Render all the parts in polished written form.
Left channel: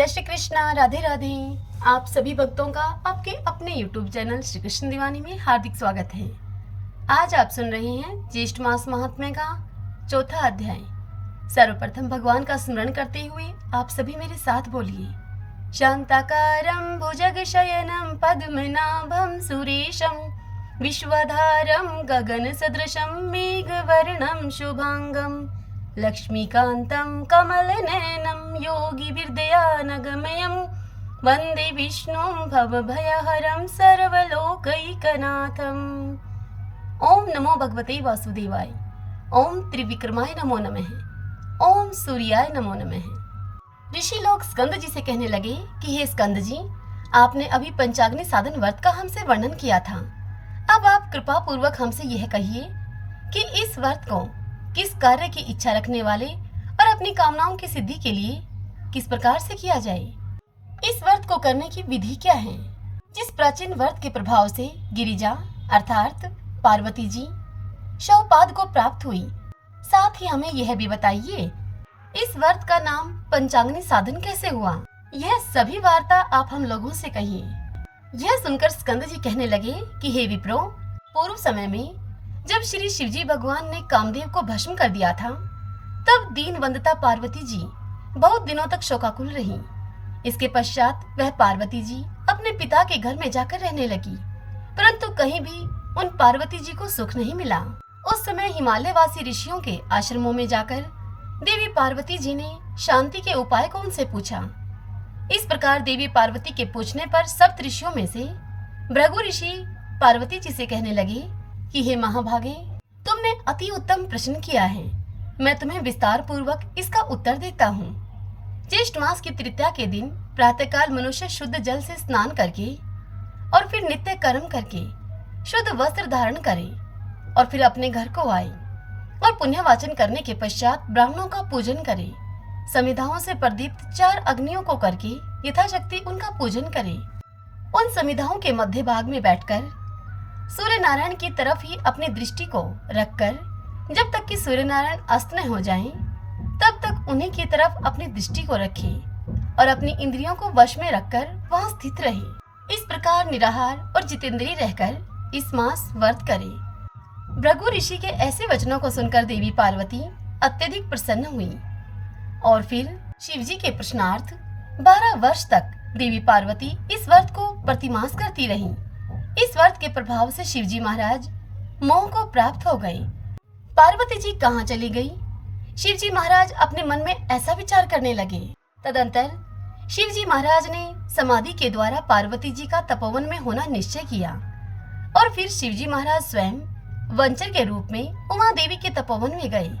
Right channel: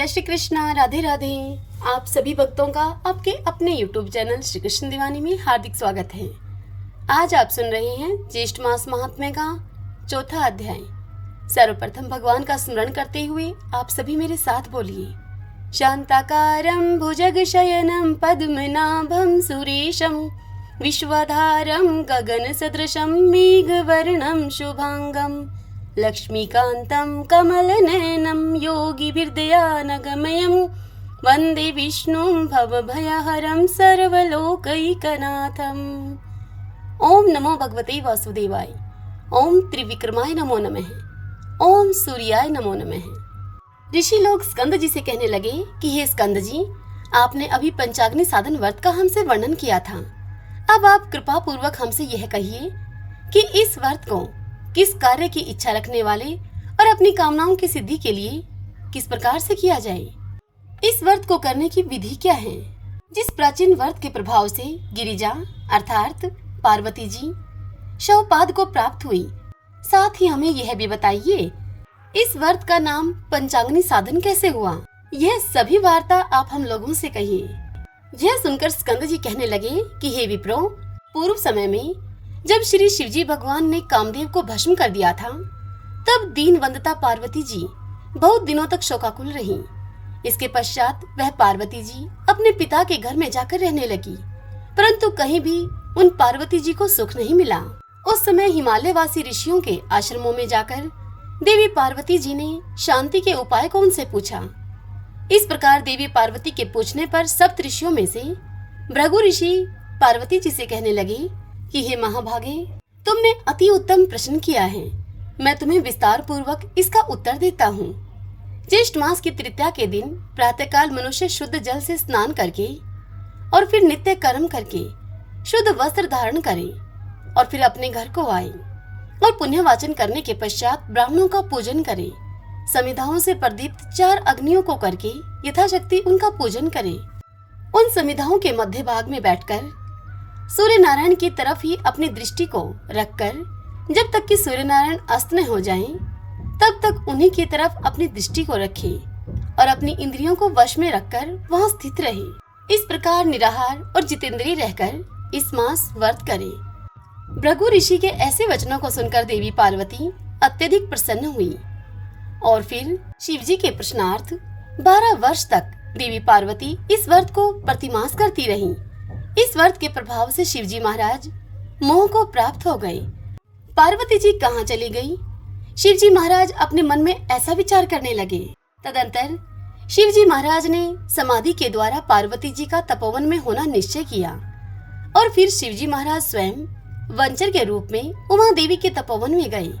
जय श्री कृष्णा, राधे राधे। आप सभी भक्तों का आपके अपने YouTube चैनल श्री कृष्ण दीवानी में हार्दिक स्वागत है। आज आप सुन रहे हैं ज्येष्ठ मास महात्म्य का चौथा अध्याय। सर्वप्रथम भगवान का स्मरण करते हुए आप सभी मेरे साथ बोलिए। शांताकारं भुजगशयनं पद्मनाभं सुरेशं विश्वधारं गगनसदृशं मेघवर्णं शुभांगं लक्ष्मीकान्तं कमलनयनं योगिभिर्दयानगमयं वन्दे विष्णुं भवभयहरं सर्वलोकैकनाथम्। ओम नमो भगवते वासुदेवाय। ओम त्रिविक्रमाय नमो नमः। ओम सूर्याय नमो नमः। ऋषि लोग स्कंद जी से कहने लगे कि हे स्कंद जी, आपने अभी पंचाग्नि साधन व्रत का हमसे वर्णन किया था। अब आप कृपा पूर्वक हमसे यह कहिए कि इस व्रत को किस कार्य की इच्छा रखने वाले और अपनी कामनाओं की सिद्धि के लिए किस प्रकार से किया जाए। इस व्रत को करने की विधि क्या है। जिस प्राचीन व्रत के प्रभाव से गिरिजा अर्थात पार्वती जी शवपाद को प्राप्त हुई, साथ ही हमें यह भी बताइए इस व्रत का नाम पंचाग्नि साधन कैसे हुआ। यह सभी वार्ता आप हम लोगों से कहिए। यह सुनकर स्कंद जी कहने लगे कि हे विप्रो, पूर्व समय में जब श्री शिवजी भगवान ने कामदेव को भस्म कर दिया था, तब दीनवंदता पार्वती जी बहुत दिनों तक शोकाकुल रहीं। इसके पश्चात वह पार्वती जी अपने पिता के घर में जाकर रहने लगी, परंतु कहीं भी उन पार्वती जी को सुख नहीं मिला। उस समय हिमालय वासी ऋषियों के आश्रमों में जाकर देवी पार्वती जी ने शांति के उपाय को उनसे पूछा। इस प्रकार देवी पार्वती के पूछने पर सप्त ऋषियों में से भृगु ऋषि पार्वती जी से कहने लगे कि हे महाभागे, तुमने अति उत्तम प्रश्न किया है। मैं तुम्हें विस्तार पूर्वक इसका उत्तर देता हूँ। ज्येष्ठ मास की तृतीया के दिन प्रातःकाल मनुष्य शुद्ध जल से स्नान करके और फिर नित्य कर्म करके शुद्ध वस्त्र धारण करे और फिर अपने घर को आए और पुण्य वाचन करने के पश्चात ब्राह्मणों का पूजन करे। समिधाओं से प्रदीप्त 4 अग्नियों को करके यथाशक्ति उनका पूजन करे। उन समिधाओं के मध्य भाग में बैठकर सूर्य नारायण की तरफ ही अपनी दृष्टि को रखकर जब तक कि सूर्य नारायण अस्त न हो जाएं, तब तक उन्हीं की तरफ अपनी दृष्टि को रखे और अपनी इंद्रियों को वश में रखकर वहां स्थित रहे। इस प्रकार निराहार और जितेंद्रिय रहकर इस मास व्रत करे। भृगु ऋषि के ऐसे वचनों को सुनकर देवी पार्वती अत्यधिक प्रसन्न हुई और फिर शिवजी के प्रश्नार्थ 12 वर्ष तक देवी पार्वती इस व्रत को प्रतिमास करती रहीं। इस व्रत के प्रभाव से शिवजी महाराज मोह को प्राप्त हो गए। पार्वती जी कहाँ चली गई? शिवजी महाराज अपने मन में ऐसा विचार करने लगे। तदंतर शिवजी महाराज ने समाधि के द्वारा पार्वती जी का तपोवन में होना निश्चय किया और फिर शिवजी महाराज स्वयं वंचर के रूप में उमा देवी के तपोवन में गए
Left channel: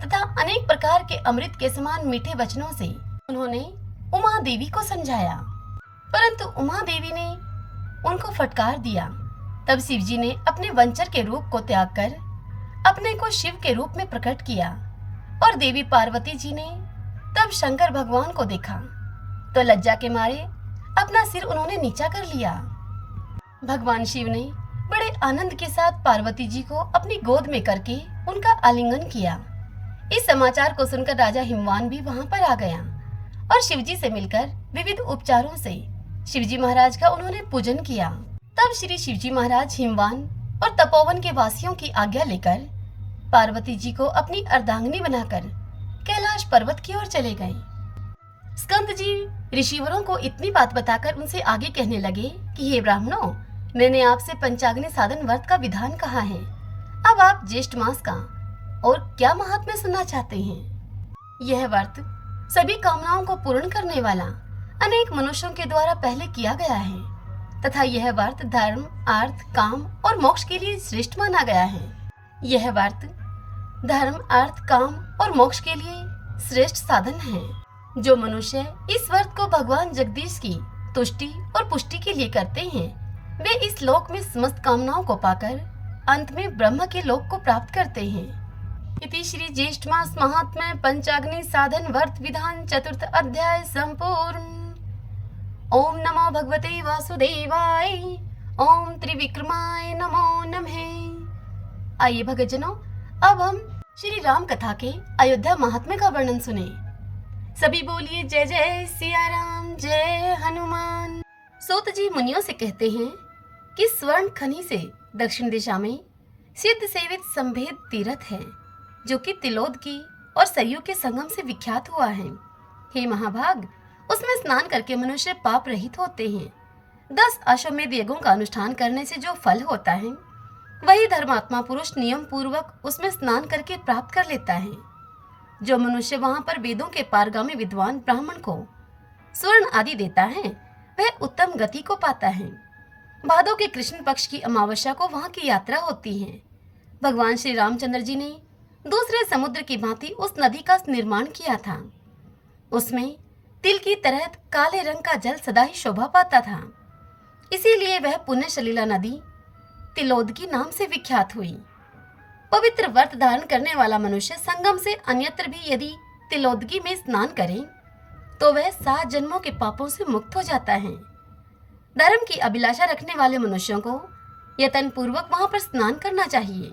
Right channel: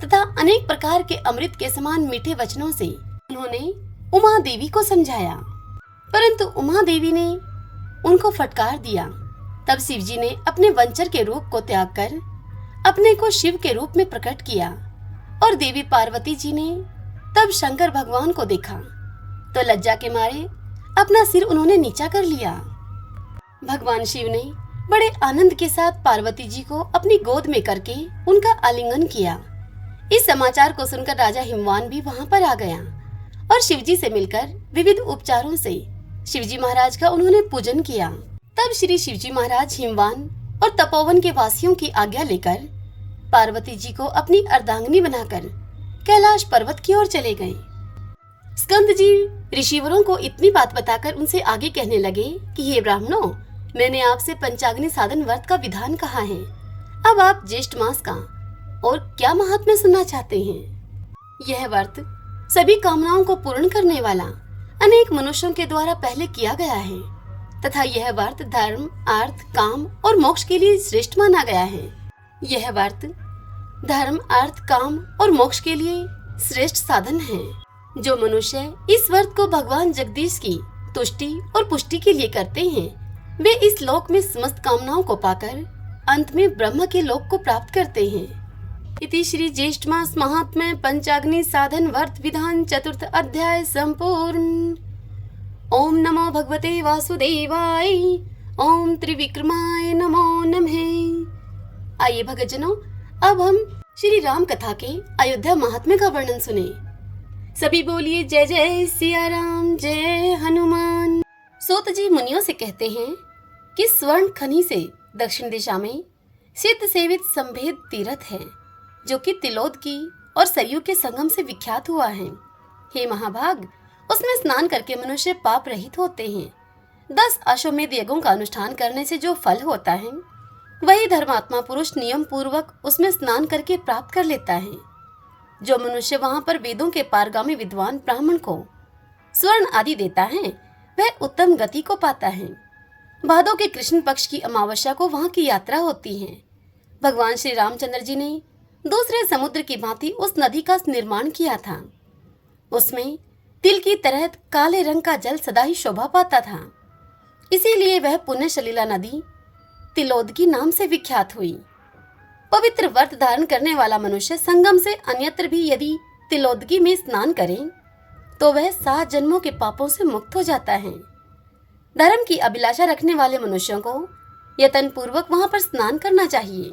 तथा अनेक प्रकार के अमृत के समान मीठे वचनों से उन्होंने उमा देवी को समझाया, परंतु उमा देवी ने उनको फटकार दिया। तब शिवजी ने अपने वंचर के रूप को त्याग कर अपने को शिव के रूप में प्रकट किया और देवी पार्वती जी ने तब शंकर भगवान को देखा तो लज्जा के मारे अपना सिर उन्होंने नीचा कर लिया। भगवान शिव ने बड़े आनंद के साथ पार्वती जी को अपनी गोद में करके उनका आलिंगन किया। इस समाचार को सुनकर राजा हिमवान भी वहां पर आ गया और शिवजी से मिलकर विविध उपचारों से शिवजी महाराज का उन्होंने पूजन किया। तब श्री शिवजी महाराज हिमवान और तपोवन के वासियों की आज्ञा लेकर पार्वती जी को अपनी अर्धांगिनी बनाकर कैलाश पर्वत की ओर चले गए। स्कंद जी ऋषिवरों को इतनी बात बताकर उनसे आगे कहने लगे कि हे ब्राह्मणों, मैंने आपसे पंचाग्नि साधन व्रत का विधान कहा है। अब आप ज्येष्ठ मास का और क्या महात्म्य सुनना चाहते हैं। यह व्रत सभी कामनाओं को पूर्ण करने वाला अनेक मनुष्यों के द्वारा पहले किया गया है तथा यह व्रत धर्म, अर्थ, काम और मोक्ष के लिए श्रेष्ठ माना गया है। यह व्रत धर्म, अर्थ, काम और मोक्ष के लिए श्रेष्ठ साधन है। जो मनुष्य इस व्रत को भगवान जगदीश की तुष्टि और पुष्टि के लिए करते हैं, वे इस लोक में समस्त कामनाओं को पाकर अंत में ब्रह्म के लोक को प्राप्त करते हैं। इति श्री ज्येष्ठ मास महात्म्य पंचाग्नि साधन व्रत विधान चतुर्थ अध्याय संपूर्ण। ओम नमो भगवते वासुदेवाय। ओम त्रिविक्रमाय नमो नमः। आइए भक्तजनों, अब हम श्री राम कथा के अयोध्या महात्म्य का वर्णन सुने। सभी बोलिए जय जय सिया राम, जय हनुमान। सूत जी मुनियों से कहते हैं कि स्वर्ण खनि से दक्षिण दिशा में सिद्ध सेवित संभेद तीर्थ है, जो कि तिलोद की और सरयू के संगम से विख्यात हुआ है। हे महाभाग, उसमें स्नान करके मनुष्य पाप रहित होते हैं। 10 अश्वमेध यज्ञों का अनुष्ठान करने से जो फल होता है, वही धर्मात्मा पुरुष नियम पूर्वक उसमें स्नान करके प्राप्त कर लेता है। जो मनुष्य वहां पर वेदों के पारगामी विद्वान ब्राह्मण को स्वर्ण आदि देता है, वह उत्तम गति को पाता है। भादों के कृष्ण पक्ष की अमावस्या को वहां की यात्रा होती है। भगवान श्री रामचंद्र जी ने दूसरे समुद्र की भांति उस नदी का निर्माण किया था। उसमें तिल की तरह काले रंग का जल सदा ही शोभा पाता था, इसीलिए वह पुण्य सलीला नदी तिलोद की नाम से विख्यात हुई। पवित्र व्रत धारण करने वाला मनुष्य संगम से अन्यत्र भी यदि तिलोदगी में स्नान करे तो वह 7 जन्मों के पापों से मुक्त हो जाता है। धर्म की अभिलाषा रखने वाले मनुष्यों को यत्न पूर्वक वहां पर स्नान करना चाहिए।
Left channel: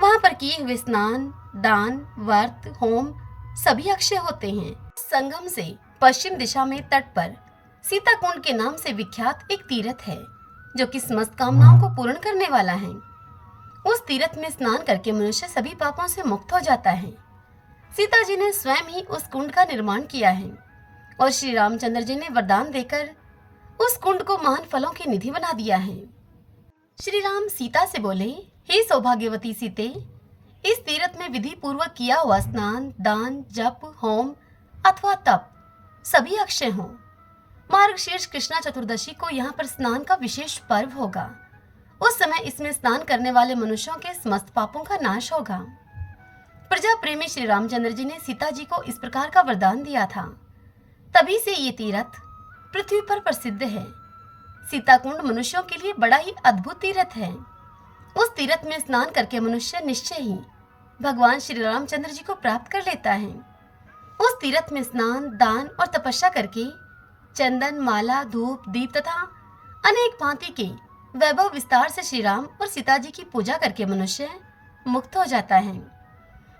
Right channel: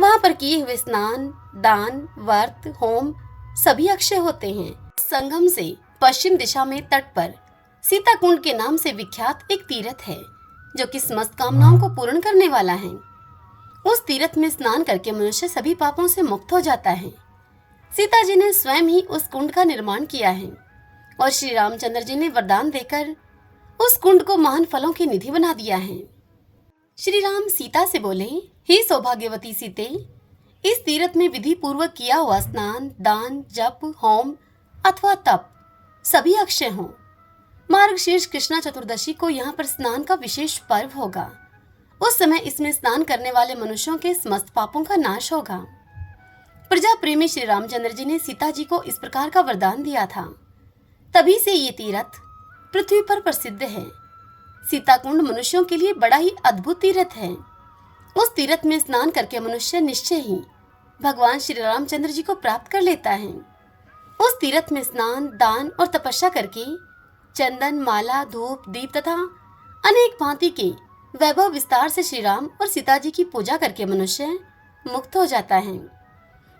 वहां पर किए हुए स्नान, दान, व्रत, होम सभी अक्षय होते हैं। संगम से पश्चिम दिशा में तट पर सीता कुंड के नाम से विख्यात एक तीर्थ है, जो कि समस्त कामनाओं को पूर्ण करने वाला है। उस तीर्थ में स्नान करके मनुष्य सभी पापों से मुक्त हो जाता है। सीता जी ने स्वयं ही उस कुंड का निर्माण किया है और श्री रामचंद्र जी ने वरदान देकर उस कुंड को महान फलों की निधि बना दिया है। श्री राम सीता से बोले, हे सौभाग्यवती सीते, इस तीर्थ में विधि पूर्वक किया हुआ स्नान, दान, जप, होम अथवा तप सभी अक्षय हों। मार्गशीर्ष कृष्णा चतुर्दशी को यहाँ पर स्नान का विशेष पर्व होगा। उस समय इसमें स्नान करने वाले मनुष्यों के समस्त पापों का नाश होगा। प्रजा प्रेमी श्री रामचंद्र जी ने सीता जी को इस प्रकार का वरदान दिया था। तभी से ये तीर्थ पृथ्वी पर प्रसिद्ध है। सीता कुंड मनुष्यों के लिए बड़ा ही अद्भुत तीर्थ है। उस तीर्थ में स्नान करके मनुष्य निश्चय ही भगवान श्री रामचंद्र जी को प्राप्त कर लेता है। उस तीर्थ में स्नान, दान और तपस्या करके चंदन, माला, धूप, दीप तथा अनेक भांति के वैभव विस्तार से श्री राम और सीता जी की पूजा करके मनुष्य मुक्त हो जाता है।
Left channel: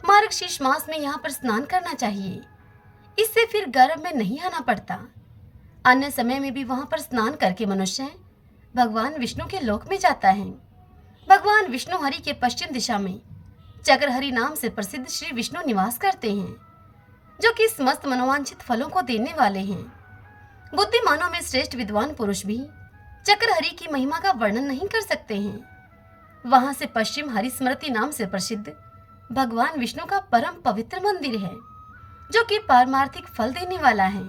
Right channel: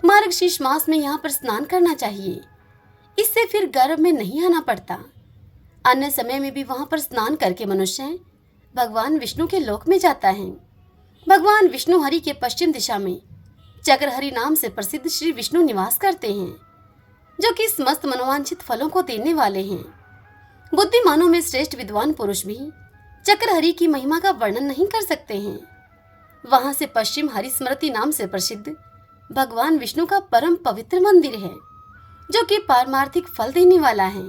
मार्गशीर्ष मास में यहाँ पर स्नान करना चाहिए, इससे फिर गर्भ में नहीं आना पड़ता। अन्य समय में भी वहां पर स्नान करके मनुष्य भगवान विष्णु के लोक में जाता है। भगवान विष्णु हरि के पश्चिम दिशा में चक्रहरि नाम से प्रसिद्ध श्री विष्णु निवास करते हैं, जो कि समस्त मनोवांछित फलों को देने वाले हैं। बुद्धिमानों में श्रेष्ठ विद्वान पुरुष भी चक्रहरि की महिमा का वर्णन नहीं कर सकते हैं। वहां से पश्चिम हरि स्मृति नाम से प्रसिद्ध भगवान विष्णु का परम पवित्र मंदिर है, जो कि पारमार्थिक फल देने वाला है।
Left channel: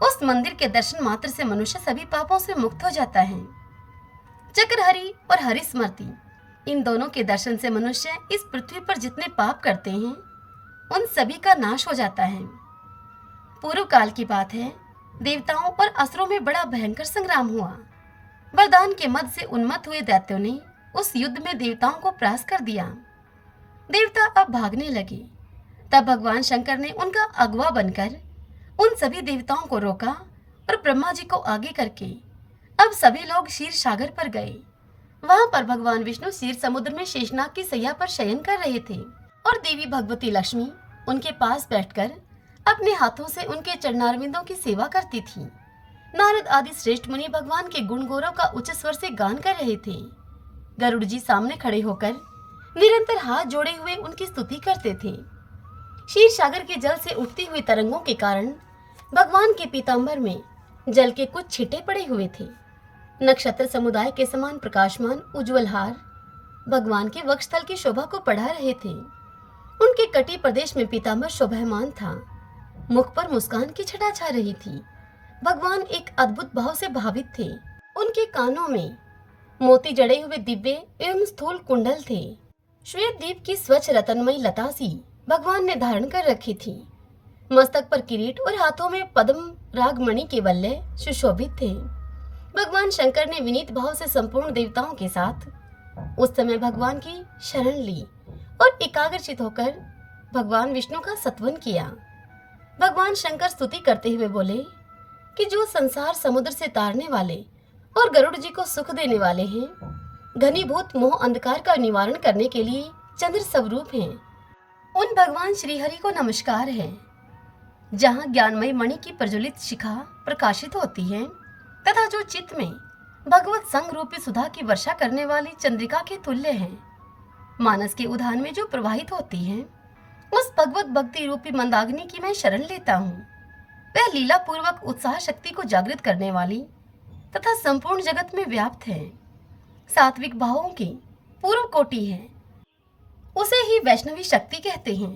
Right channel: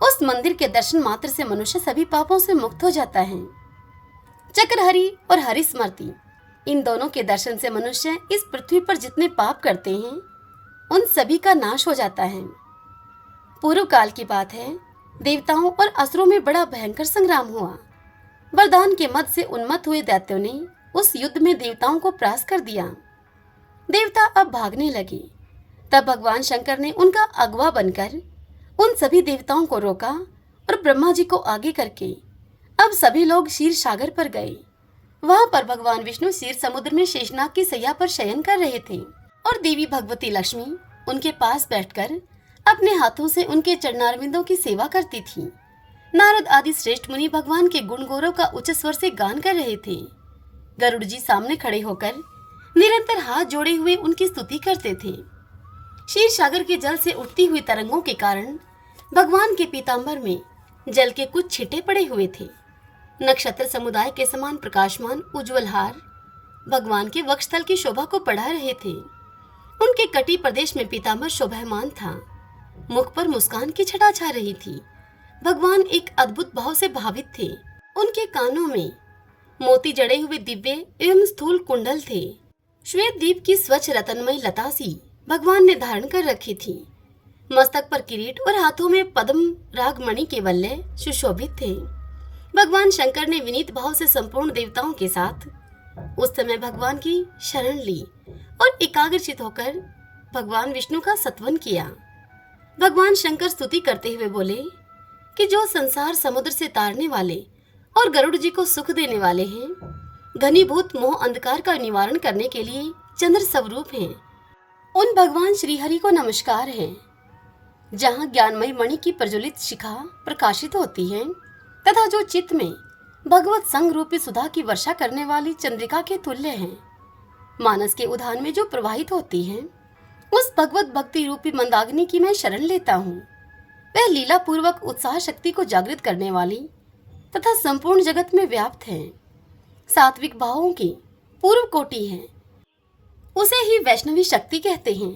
उस मंदिर के दर्शन मात्र से मनुष्य सभी पापों से मुक्त हो जाता है। चक्रहरि और हरि स्मृति, इन दोनों के दर्शन से मनुष्य इस पृथ्वी पर जितने पाप करते हैं उन सभी का नाश हो जाता है। पूर्व काल की बात है, देवताओं और असुरों में बड़ा भयंकर संग्राम हुआ। वरदान के मद से उन्मत्त हुए दैत्यों ने उस युद्ध में देवताओं को परास्त कर दिया। देवता अब भागने लगे। तब भगवान शंकर ने उनका अगवा बनकर उन सभी देवताओं को रोका और ब्रह्मा जी को आगे करके अब सभी लोग क्षीर सागर पर गए। वहां पर भगवान विष्णु क्षीर समुद्र में शेषनाग की सैया पर शयन कर रहे थे और देवी भगवती लक्ष्मी उनके पास बैठकर अपने हाथों से उनके चरणारविंदों की सेवा करती थी। नारद आदि श्रेष्ठ मुनि भगवान के गुण गौरव का उच्च स्वर से गान कर रहे थे। गरुड़ जी सामने खड़े होकर निरंतर हाथ जोड़े हुए उनकी स्तुति करते थे। क्षीर सागर के जल से उठती हुई तरंगों के कारण भगवान के पीतांबर में जल के कुछ छिटे पड़े हुए थे। नक्षत्र समुदाय के समान प्रकाशमान उज्जवल हार भगवान के वक्षस्थल की शोभा को बढ़ा रहे थे। उनके कटी प्रदेश में पीतांबर शोभायमान था। मुख पर मुस्कान की छटा छा रही थी। भगवान एक अद्भुत भाव से भावित थे। उनके कानों में मोती जड़े हुए दिव्य एवं स्थूल कुंडल थे। श्वेत दीप की स्वच्छ रतनमयी लतासी भगवान ने धारण कर रखी थी। मस्तक पर किरीट और हाथों में पद्म रागमणि के बल्ले सुशोभित थे। भगवान शंकर ने विनीत भाव से संपूर्ण देवताओं के साथ उस समय भगवान की शरण ली और एकाग्रचित होकर भगवान विष्णु का सत्वन किया। भगवान शंकर स्तुति करते हुए बोले कि जो संसार समुद्र से तारने वाले और गरुड़ जी को सुख देने वाले हैं, घनीभूत मोह अंधकार का निवारण करने के लिए चंद्र स्वरूप हैं, उन भगवान श्री हरि को नमस्कार है। जहाँ ज्ञानमय मणि की प्रज्वलित शिखा प्रकाशित होती है तथा जो चित्त में भगवत संग रूपी सुधा की वर्षा करने वाली चंद्रिका के तुल्य है। मानस के उद्यान में जो प्रवाहित होती है, उस भगवत भक्ति रूपी मंदाग्नि की मैं शरण लेता हूँ। वह लीला पूर्वक उत्साह शक्ति को जागृत करने वाली तथा संपूर्ण जगत में व्याप्त है, सात्विक भावों की पूर्व कोटि है। उसे ही वैष्णवी शक्ति कहते हैं।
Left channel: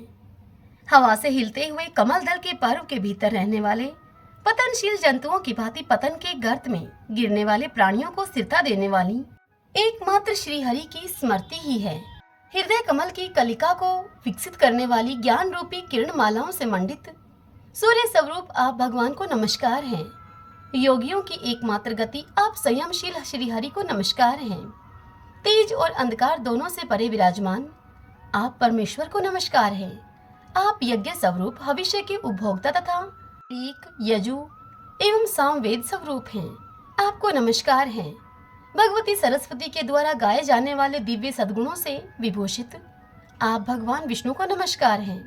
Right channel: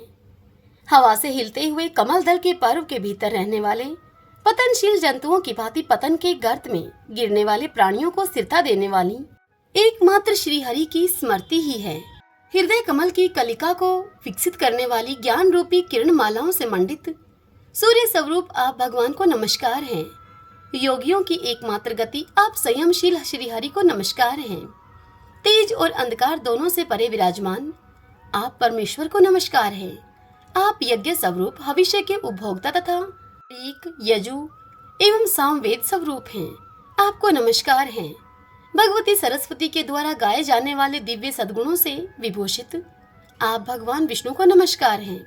हवा से हिलते हुए कमल दल के पर्व के भीतर रहने वाले पतनशील जंतुओं की भांति पतन के गर्त में गिरने वाले प्राणियों को स्थिरता देने वाली एकमात्र श्री हरि की स्मृति ही है। हृदय कमल की कलिका को विकसित करने वाली ज्ञान रूपी किरण मालाओं से मंडित सूर्य स्वरूप आप भगवान को नमस्कार है। योगियों की एकमात्र गति आप संयमशील श्री हरि को नमस्कार हैं। तेज और अंधकार दोनों से परे विराजमान आप परमेश्वर को नमस्कार है। आप यज्ञ स्वरूप भविष्य के उपभोक्ता तथा एक यजु एवं सामवेद स्वरूप हैं। आपको नमस्कार है। भगवती सरस्वती के द्वारा गाए जाने वाले दिव्य सद्गुणों से विभूषित आप भगवान विष्णु को नमस्कार हैं।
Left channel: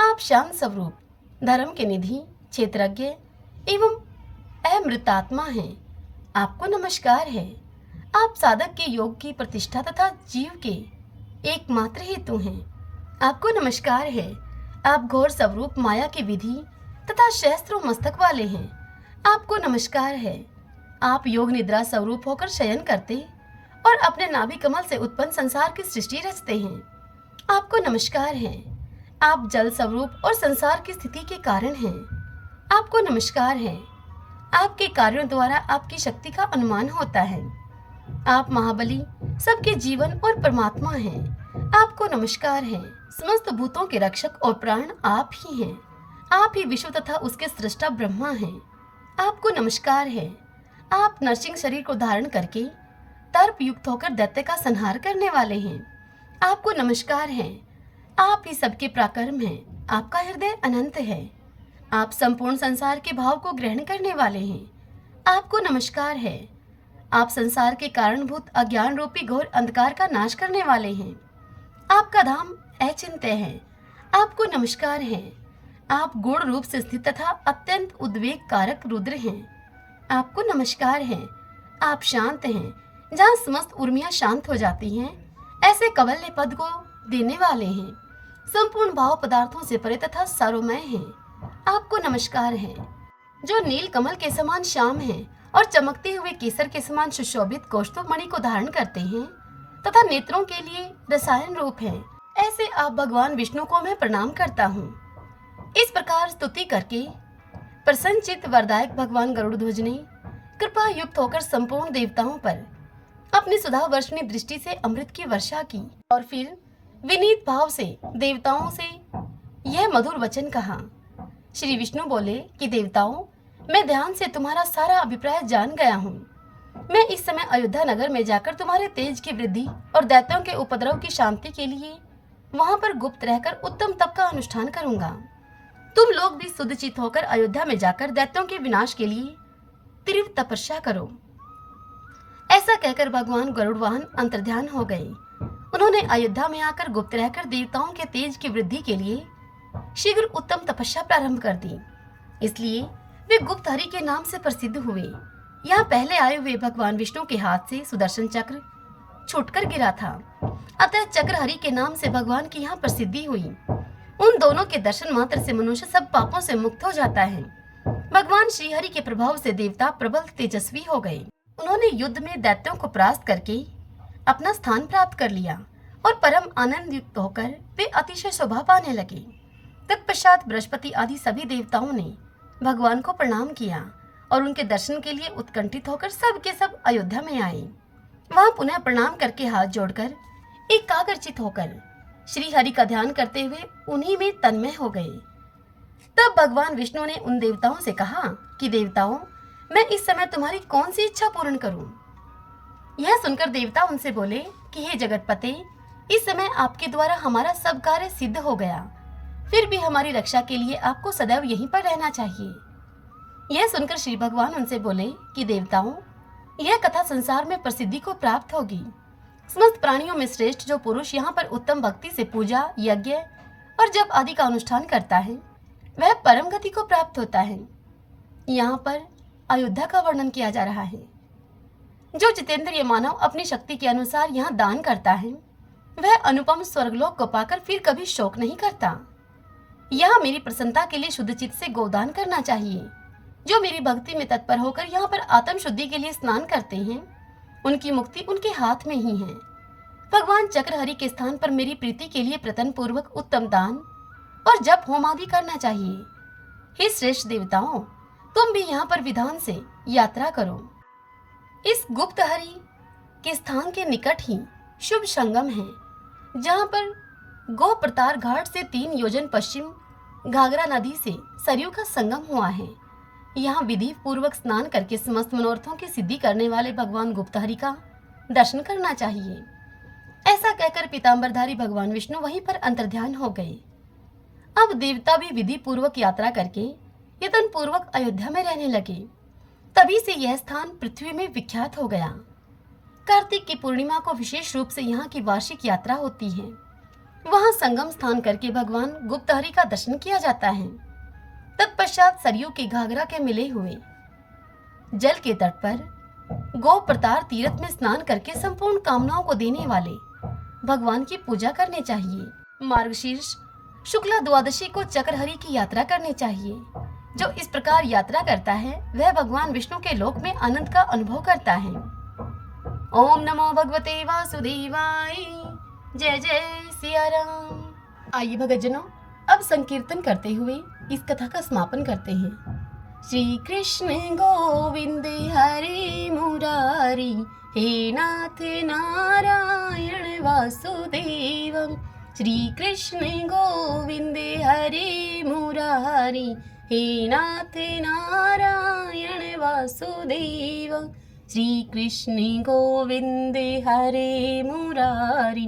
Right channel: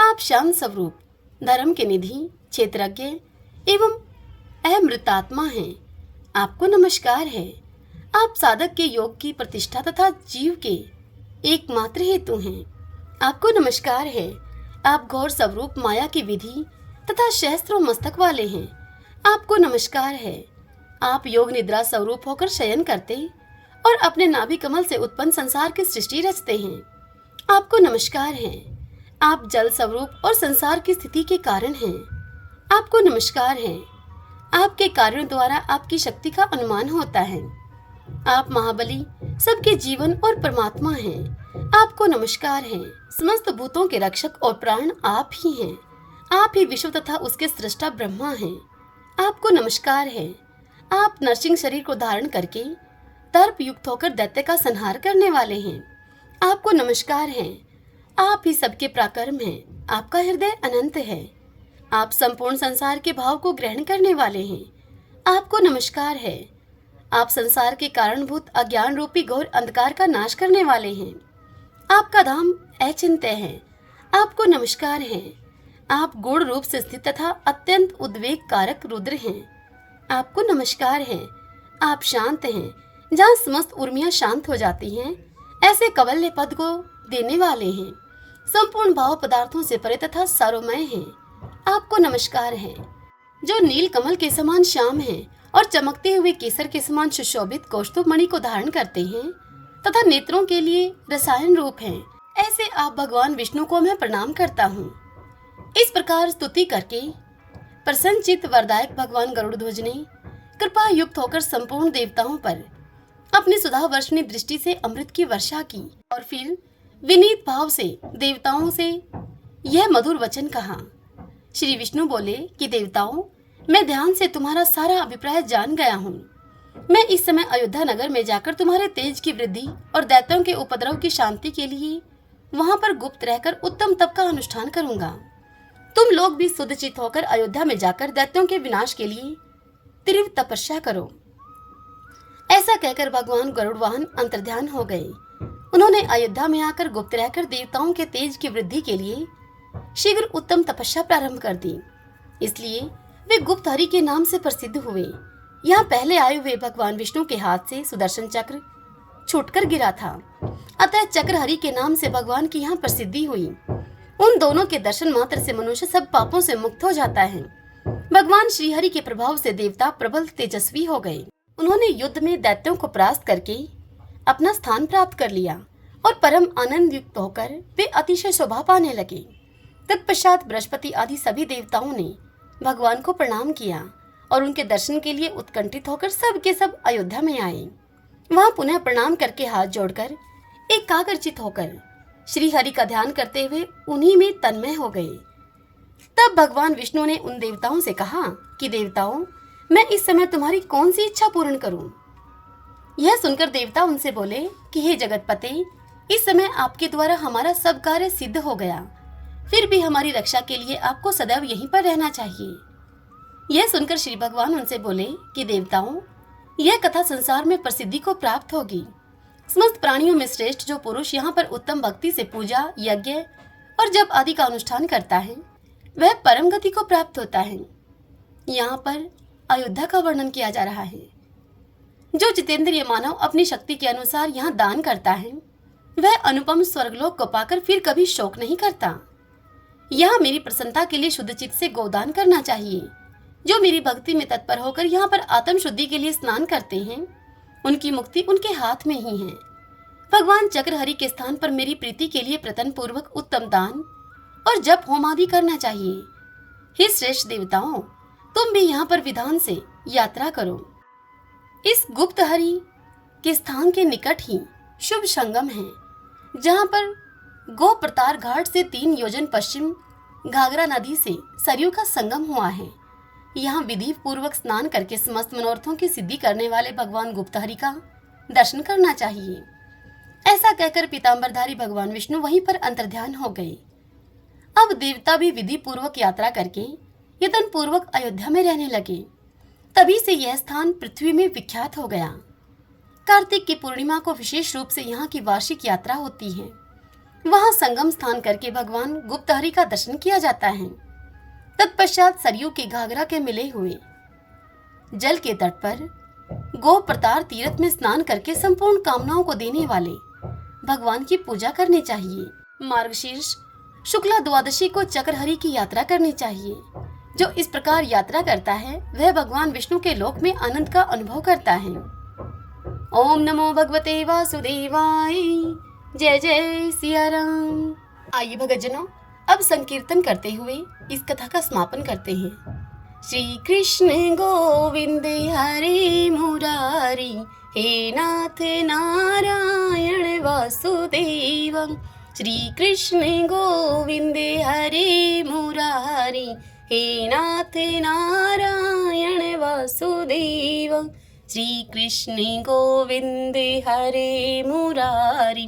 आप शांत स्वरूप, धर्म के निधि, क्षेत्रज्ञ एवं अमृतात्मा हैं। आपको नमस्कार है। आप साधक के योग की प्रतिष्ठा तथा जीव के एकमात्र हेतु हैं। आपको नमस्कार है। आप घोर स्वरूप माया की विधि तथा सहस्त्रों मस्तक वाले हैं। आपको नमस्कार है। आप योग निद्रा स्वरूप होकर शयन करते और अपने नाभि कमल से उत्पन्न संसार की सृष्टि रचते हैं। आपको नमस्कार है। आप जल स्वरूप और संसार की स्थिति के कारण हैं। आपको नमस्कार है। आपके कार्यों द्वारा आपकी शक्ति का अनुमान होता है। आप महाबली, सबके जीवन और परमात्मा हैं। आपको नमस्कार है। समस्त भूतों के रक्षक और प्राण आप ही हैं। आप ही विश्व तथा उसके सृष्टा ब्रह्मा हैं। आपको नमस्कार है। आप नरसिंह शरीर को धारण करके तर्प युक्त होकर दैत्य का संहार करने वाले हैं। आपको नमस्कार है। आप ही सबके पराक्रम हैं। आपका हृदय अनंत है। आप संपूर्ण संसार के भाव को ग्रहण करने वाले हैं। आपको नमस्कार है। आप संसार के कारणभूत अज्ञान रूपी घोर अंधकार का नाश करने वाले हैं। आपका धाम अचिंत्य है। आपको नमस्कार है। आप गूढ़ रूप से स्थित तथा अत्यंत उद्वेग कारक रुद्र हैं। आपको नमस्कार है। आप शांत हैं। जहाँ समस्त उर्मियां शांत हो जाती हैं, ऐसे कवल्य पद को देने वाले हैं। संपूर्ण भाव पदार्थों से परे तथा सारोमय हैं। आपको नमस्कार है। जो नील कमल के समान श्याम है और चमकते हुए केसर के समान सुशोभित कौस्तुभ मणि को धारण करते हैं तथा नेत्रों के लिए रसायन रूप हैं, ऐसे आप भगवान विष्णु को मैं प्रणाम करता हूँ। इस प्रकार स्तुति करके प्रसन्नचित्त वरदायक भगवान गरुड़ध्वज ने कृपा युक्त होकर संपूर्ण देवताओं पर अपनी सुधा वर्षणी दृष्टि से अमृत की वर्षा की और फिर विनीत भाव से देवताओं से यह मधुर वचन कहा। श्री विष्णु बोले कि देवताओं, मैं ध्यान से तुम्हारा सारा अभिप्राय जान गया हूँ। मैं इस समय अयोध्या नगर में जाकर तुम्हारे तेज की वृद्धि और दैत्यों के उपद्रव की शांति के लिए वहाँ पर गुप्त रहकर उत्तम तप का अनुष्ठान करूंगा। तुम लोग भी शुद्धचित होकर अयोध्या में जाकर दैत्यों के विनाश के लिए तीव्र तपस्या करो। ऐसा कहकर भगवान गरुड़ वाहन अंतर्ध्यान हो गए। उन्होंने अयोध्या में आकर गुप्त रहकर देवताओं के तेज की वृद्धि के लिए शीघ्र उत्तम तपस्या प्रारंभ कर दी। इसलिए वे गुप्त हरि के नाम से प्रसिद्ध हुए। यहाँ पहले आए हुए भगवान विष्णु के हाथ से सुदर्शन चक्र छूटकर गिरा था, अतः चक्र हरि के नाम से भगवान की यहाँ प्रसिद्धि हुई। उन दोनों के दर्शन मात्र से मनुष्य सब पापों से मुक्त हो जाता है। भगवान श्री हरि के प्रभाव से देवता प्रबल तेजस्वी हो गए। उन्होंने युद्ध में दैत्यों को परास्त करके अपना स्थान प्राप्त कर लिया और परम आनंद युक्त होकर वे अतिशय शोभा पाने लगे। तत्पश्चात बृहस्पति आदि सभी देवताओं ने भगवान को प्रणाम किया और उनके दर्शन के लिए उत्कंठित होकर सब के सब अयोध्या में आए। वहां पुनः प्रणाम करके हाथ जोड़कर एकाग्रचित होकर श्री हरि का ध्यान करते हुए उन्हीं में तन्मय हो गए। तब भगवान विष्णु ने उन देवताओं से कहा कि देवताओं, मैं इस समय तुम्हारी कौन सी इच्छा पूर्ण करूं? यह सुनकर देवता उनसे बोले कि हे जगतपते, इस समय आपके द्वारा हमारा सब कार्य सिद्ध हो गया, फिर भी हमारी रक्षा के लिए आपको सदैव यहीं पर रहना चाहिए। यह सुनकर श्री भगवान उनसे बोले कि देवताओं, यह कथा संसार में प्रसिद्धि को प्राप्त होगी। समस्त प्राणियों में श्रेष्ठ जो पुरुष यहाँ पर उत्तम भक्ति से पूजा, यज्ञ और जप आदि का अनुष्ठान करता है, वह परम गति को प्राप्त होता है। यहाँ पर अयोध्या का वर्णन किया जा रहा है। जो जितेंद्रिय मानव अपनी शक्ति के अनुसार यहाँ दान करता है, वह अनुपम स्वर्गलोक को पाकर फिर कभी शोक नहीं करता। यहाँ मेरी प्रसन्नता के लिए शुद्ध चित्त से गोदान करना चाहिए। जो मेरी भक्ति में तत्पर होकर यहाँ पर आत्म शुद्धि के लिए स्नान करते हैं, उनकी मुक्ति उनके हाथ में ही है। भगवान चक्रहरि के स्थान पर मेरी प्रीति के लिए प्रतन पूर्वक उत्तम दान और जप होम आदि करना चाहिए। हे श्रेष्ठ देवताओं, तुम भी यहाँ पर विधान से यात्रा करो। इस गुप्त हरि के स्थान के निकट ही शुभ संगम है, जहाँ पर गो प्रतार घाट से 3 योजन पश्चिम घाघरा नदी से सरयू का संगम हुआ है। यहाँ विधि पूर्वक स्नान करके समस्त मनोरथों की सिद्धि करने वाले भगवान गुप्तहरि का दर्शन करना चाहिए। ऐसा कहकर पीतांबरधारी भगवान विष्णु वहीं पर अंतर्ध्यान हो गए। अब देवता भी विधि पूर्वक यात्रा करके यतन पूर्वक अयोध्या में रहने लगे। तभी से यह स्थान पृथ्वी में विख्यात हो गया। कार्तिक की पूर्णिमा को विशेष रूप से यहाँ की वार्षिक यात्रा होती है। वहां संगम स्थान करके भगवान गुप्तहरि का दर्शन किया जाता है। तत्पश्चात सरयू के घाघरा के मिले हुए जल के तट पर गो प्रतार तीर्थ में स्नान करके संपूर्ण कामनाओं को देने वाले भगवान की पूजा करनी चाहिए। मार्गशीर्ष शुक्ला द्वादशी को चक्रहरि की यात्रा करनी चाहिए। जो इस प्रकार यात्रा करता है, वह भगवान विष्णु के लोक में आनंद का अनुभव करता है। ओम नमो भगवते वासुदेवाय। जय जय सिया राम। आइए भगतजनों, अब संकीर्तन करते हुए इस कथा का समापन करते हैं। श्री कृष्ण गोविंद हरे मुरारी, हे नाथ नारायण वासुदेव। श्री कृष्ण गोविंद हरे मुरारी, हे नाथ नारायण वासुदेव। श्री कृष्ण गोविंद हरे मुरारी,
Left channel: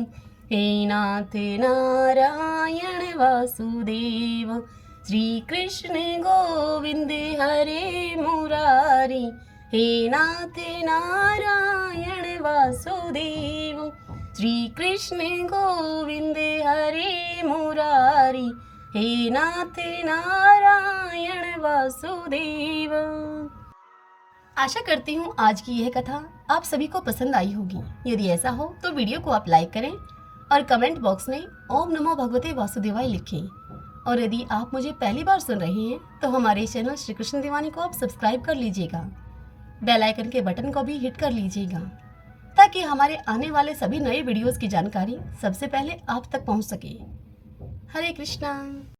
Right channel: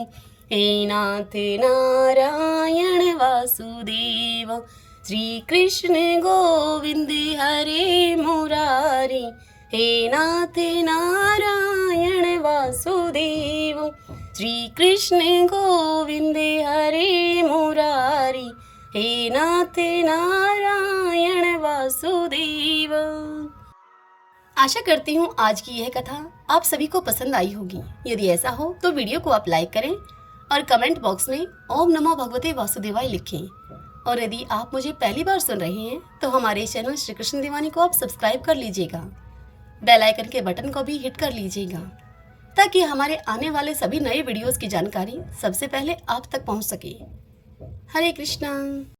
हे नाथ नारायण वासुदेव। श्री कृष्ण गोविंद हरे मुरारी, हे नाथ नारायण वासुदेव। श्री कृष्ण गोविंद हरे मुरारी, हे नाथ नारायण वासुदेव। आशा करती हूँ आज की यह कथा आप सभी को पसंद आई होगी। यदि ऐसा हो तो वीडियो को आप लाइक करें और कमेंट बॉक्स में ओम नमो भगवते वासुदेवाय लिखें। और यदि आप मुझे पहली बार सुन रहे हैं तो हमारे चैनल श्री कृष्ण दीवानी को आप सब्सक्राइब कर लीजिएगा। बेल आइकन के बटन को भी हिट कर लीजिएगा, ताकि हमारे आने वाले सभी नए वीडियोस की जानकारी सबसे पहले आप तक पहुंच सके। हरे कृष्णा।